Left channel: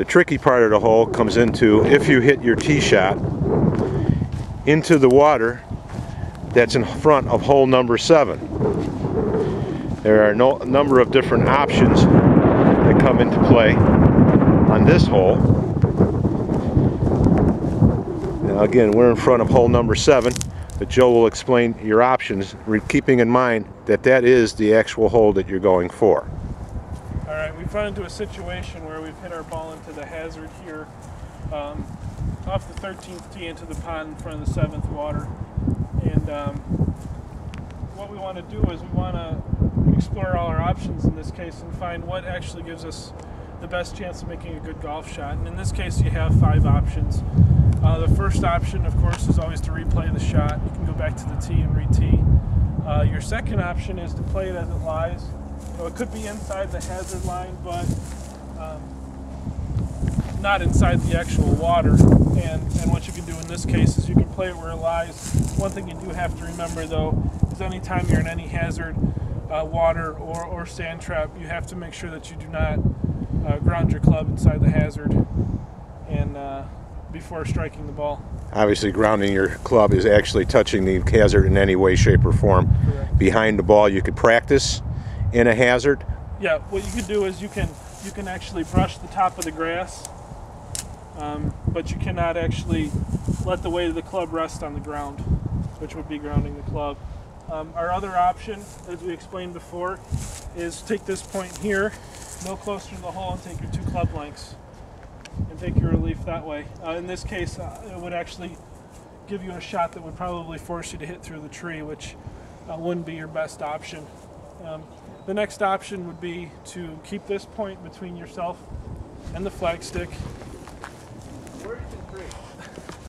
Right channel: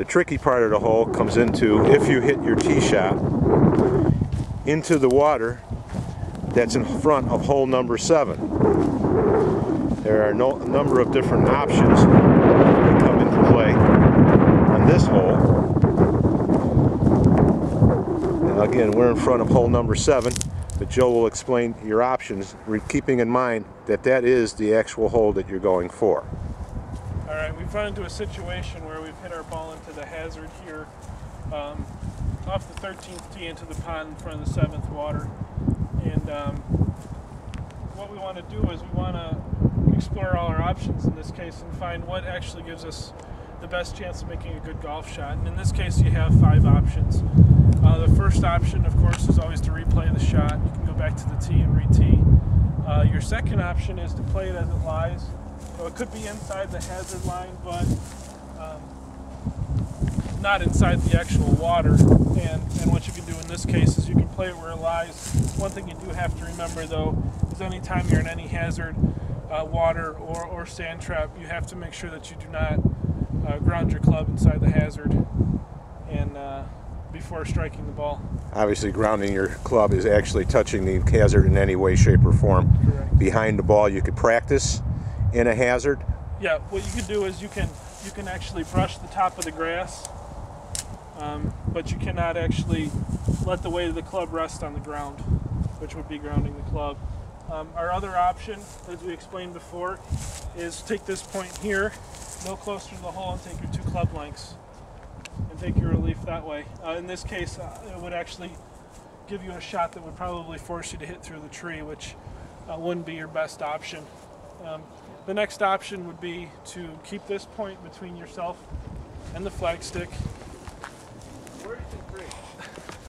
The tricky part of the hole comes into if you hit your tee shot into the water that's in front of hole number 7. There are a number of different options that come into play on this hole. Now again, we're in front of hole number 7, but Joe will explain your options, keeping in mind that that is the actual hole that you're going for. Alright, we've run into a situation where we've hit our ball into the hazard here, off the 13th tee into the pond in front of the 7th water. And what we want to do is we want to explore all our options in this case and find what actually gives us the best chance of making a good golf shot. And in this case you have 5 options. The first option, of course, is always to replay the shot. You can go back to the tee and re-tee. Your second option is to play it as it lies. So it could be inside the hazard line, but not inside the actual water. And what you can do in this case is you can play it where it lies. One thing you do have to remember, though, is anytime you're in any hazard, water or sand trap, you have to make sure that you do not ground your club inside the hazard and before striking the ball. Obviously, grounding your club is actually touching the hazard in any way, shape, or form. Correct. Behind the ball, you could practice in a hazard. Yeah, what you can do is you can actually brush the top of the grass, but you cannot actually let the weight of the club rest on the ground, which would be grounding the club. Our other option, as we explained before, is take this point here, no closer to the hole, and take your 2 club lengths and take your relief that way. In this case, it would actually give you a shot that would probably force you to hit through the tree, which wouldn't be your best option. The next option would be to keep this point between yourself and the flagstick. Where you can create.